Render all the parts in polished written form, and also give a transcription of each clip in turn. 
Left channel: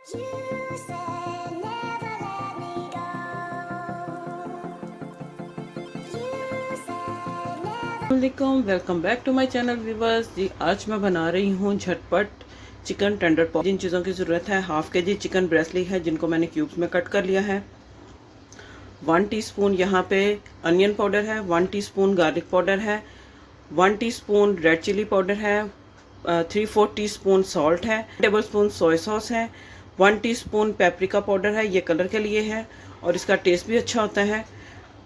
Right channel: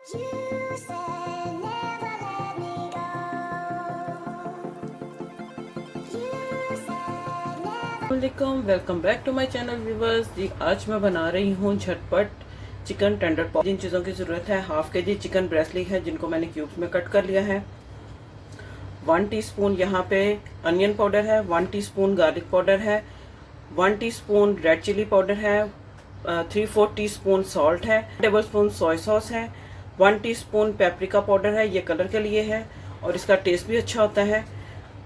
Welcome back to my channel viewers जी। आज मैं बना रही हूँ झटपट चिकन टेंडर पॉप। जिन चीज़ों की ज़रूरत है, हाफ के जी चिकन ब्रेस्ट ली है जिनको मैंने क्यूब्स में कट कर लिया है। 1 टीस्पून यहाँ पे अनियन पाउडर है, 1 टीस्पून गार्लिक पाउडर है, 1 टीस्पून रेड चिली पाउडर है, 3/4 टीस्पून सॉल्ट है, टेबल स्पून सोया सॉस है, 1 टीस्पून पेपरिका पाउडर है, ये कलर के लिए है और इसका टेस्ट भी अच्छा होता है।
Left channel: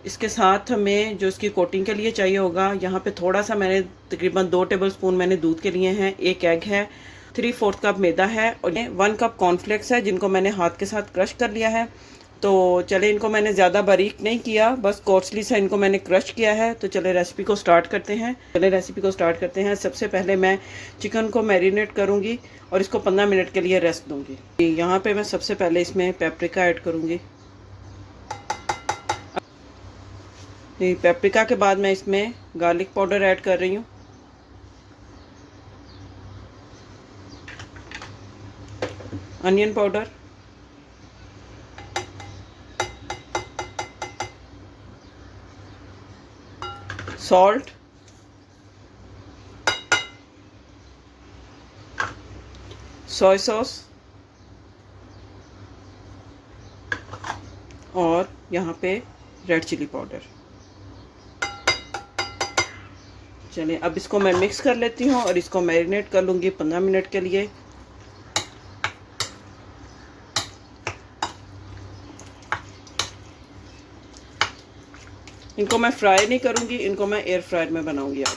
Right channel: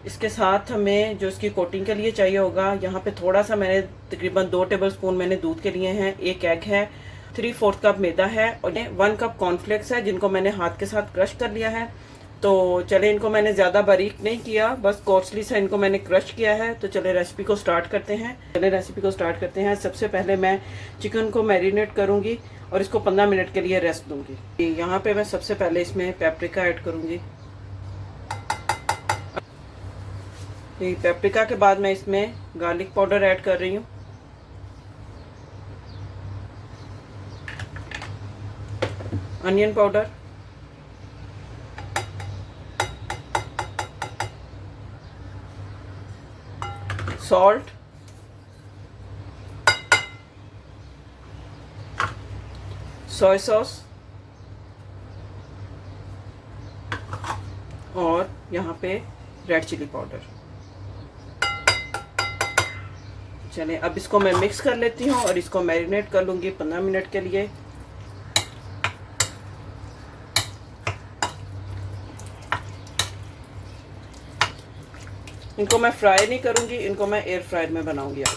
इसके साथ हमें जो इसकी कोटिंग के लिए चाहिए होगा, यहाँ पे थोड़ा सा मैंने तकरीबन 2 टेबल स्पून मैंने दूध के लिए हैं, 1 एग है, 3/4 कप मैदा है और ये 1 कप कॉर्नफ्लेक्स है जिनको मैंने हाथ के साथ क्रश कर लिया है। तो चले, इनको मैंने ज़्यादा बारीक नहीं किया, बस कोर्सली से इनको मैंने क्रश किया है। तो चले रेसिपी को स्टार्ट करते हैं। सबसे पहले मैं चिकन को मैरिनेट करूँगी और इसको 15 मिनट के लिए रेस्ट दूँगी। यहाँ पर मैं सबसे पहले इसमें पेपरिका ऐड करूँगी। पेपरिका के बाद मैं इसमें गार्लिक पाउडर ऐड कर रही हूँ, onion powder, salt, soya sauce और यहाँ पे रेड चिली पाउडर। चलिए अब इसको मैं मिक्स कर लेती हूँ और इसको मैरिनेट कर लूँगी 15 मिनट के लिए। इनको मैं फ्राई नहीं करूँगी, इनको मैं एयर फ्रायर में बनाऊँगी आज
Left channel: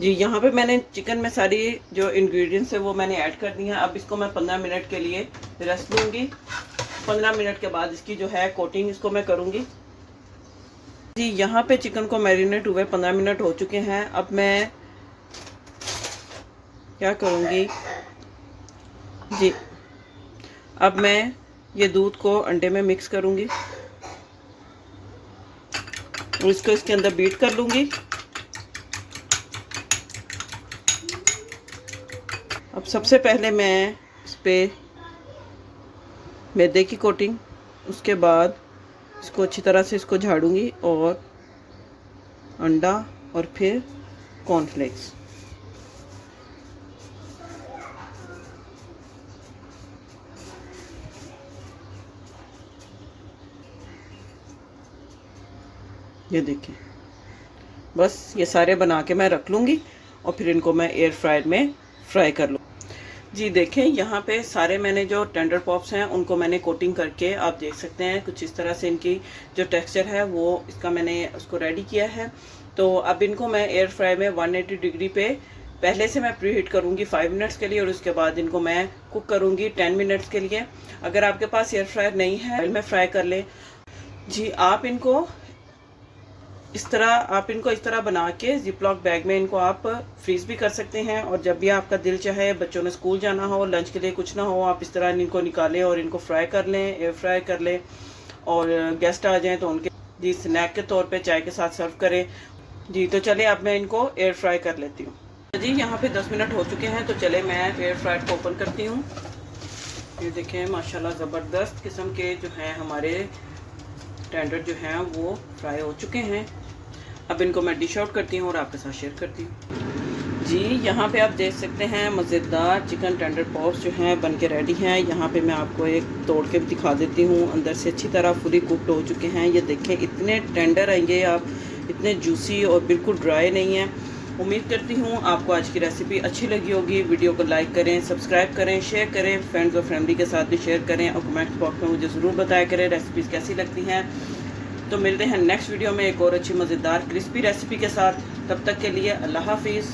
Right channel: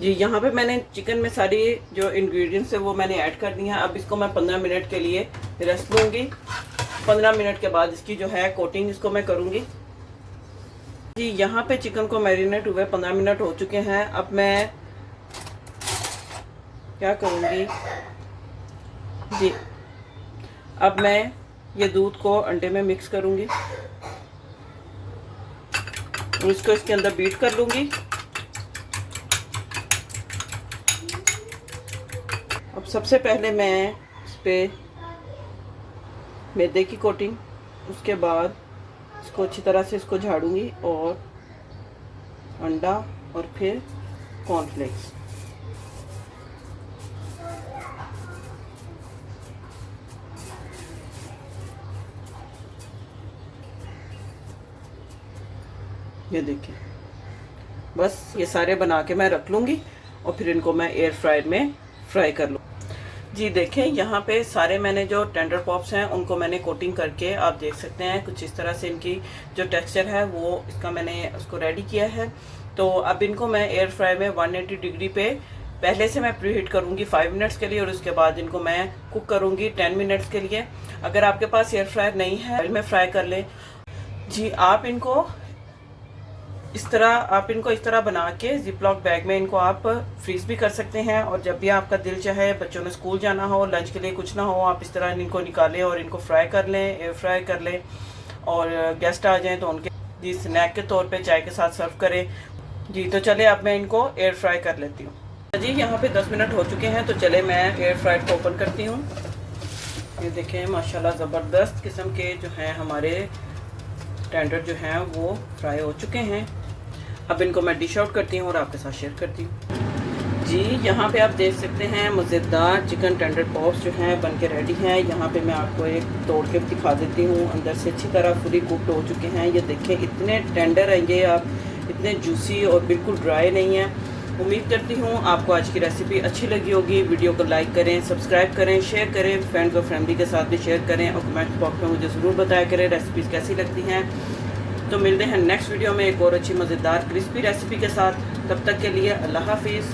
जी। यहाँ पे मैंने चिकन में सारी जो इंग्रेडिएंट्स है वो मैंने ऐड कर दी हैं। अब इसको मैं 15 मिनट के लिए रेस्ट दूँगी। 15 मिनट के बाद इसकी जो है कोटिंग इसको मैं करूँगी जी। यहाँ पे चिकन को मैरिनेट हुए 15 मिनट हो चुके हैं। अब मैं क्या करूँगी जी, अब मैं ये दूध को अंडे में मिक्स करूँगी, इसको इसके अंदर बीट कर लूँगी। अब सबसे पहले मैं इस पे मैदे की कोटिंग, उसके बाद इसको अच्छी तरह से इसको झाड़ूंगी और अंडा और फिर कॉर्नफ्लेक्स। ये देखिए, बस ये सारे बना के मैं रख लूँगी और फिर इनको मैं एयर फ्रायर में फ्राई कर लूँ जी। देखें यहाँ पे सारे मैंने जो टेंडर पॉप्स हैं उनको मैंने कोटिंग करके, आप देख सकते हैं कुछ इस तरह से इनकी जो टेक्सचर है वो इसका मैंने उसको रेडी किया है। तो अब इनको मैं एयर फ्रायर में 180 डिग्री पे पहले से मैं प्रीहीट करूँगी 5 मिनट्स के लिए और उसके बाद इनको मैं कुक करूँगी 10 मिनट्स के लिए। अगर आपके पास एयर फ्रायर नहीं है, ऑयल में फ्राई कर लें जी। आप इनको इस तरह बना के जिपलॉक बैग में इनको आप फ्रीज भी कर सकते हैं और जब भी आपका दिल चाहे, बच्चों ने स्कूल जाना हो, लंच के लिए कुछ ना हो, आप इस तरह इनको निकालें और इनको फ्राई कर लें, एयर फ्राई कर लें और गेस्ट आ जाएं तो उनके जी स्नैक के तौर पे चाय के साथ सर्व करें जी। तो चले अब मैं इनको एयर फ्राई कर लेती हूँ जी। यहाँ पे 10 मिनट हो चुके हैं, तो चले मैं एयर फ्रायर को ओपन करती हूँ। ये देखें माशाल्लाह ज़बरदस्त किस्म के जो हैं हमारे टेंडर जो हैं वो फ्राई हो चुके हैं। अब इनको मैं डिश आउट करती हूँ और आपके साथ शेयर करती हूँ जी। यहाँ पे आप देख सकते हैं मज़ेदार चिकन टेंडर पॉप्स जो हैं बन के रेडी हैं। यहाँ पे मैं आपको एक तोड़ के भी दिखा देती हूँ, अंदर से अच्छी तरह फुली कुकड हो चुके हैं। ये देखें इतने टेंडर आएंगे, आप इतने जूसी और बिल्कुल ड्राई नहीं है। उम्मीद करती हूँ आपको आज की रेसिपी अच्छी लगी होगी। वीडियो को लाइक करें, सब्सक्राइब करें, शेयर करें, फ्रेंड्स और फैमिली के साथ भी शेयर करें और कमेंट बॉक्स में मुझे ज़रूर बताया करें रेसिपीज़ कैसी लगती हैं। तो मिलते हैं नेक्स्ट वीडियो में एक और अच्छी मज़ेदार क्रिस्पी रेसिपी के साथ। तब तक के लिए अल्लाह हाफिज़।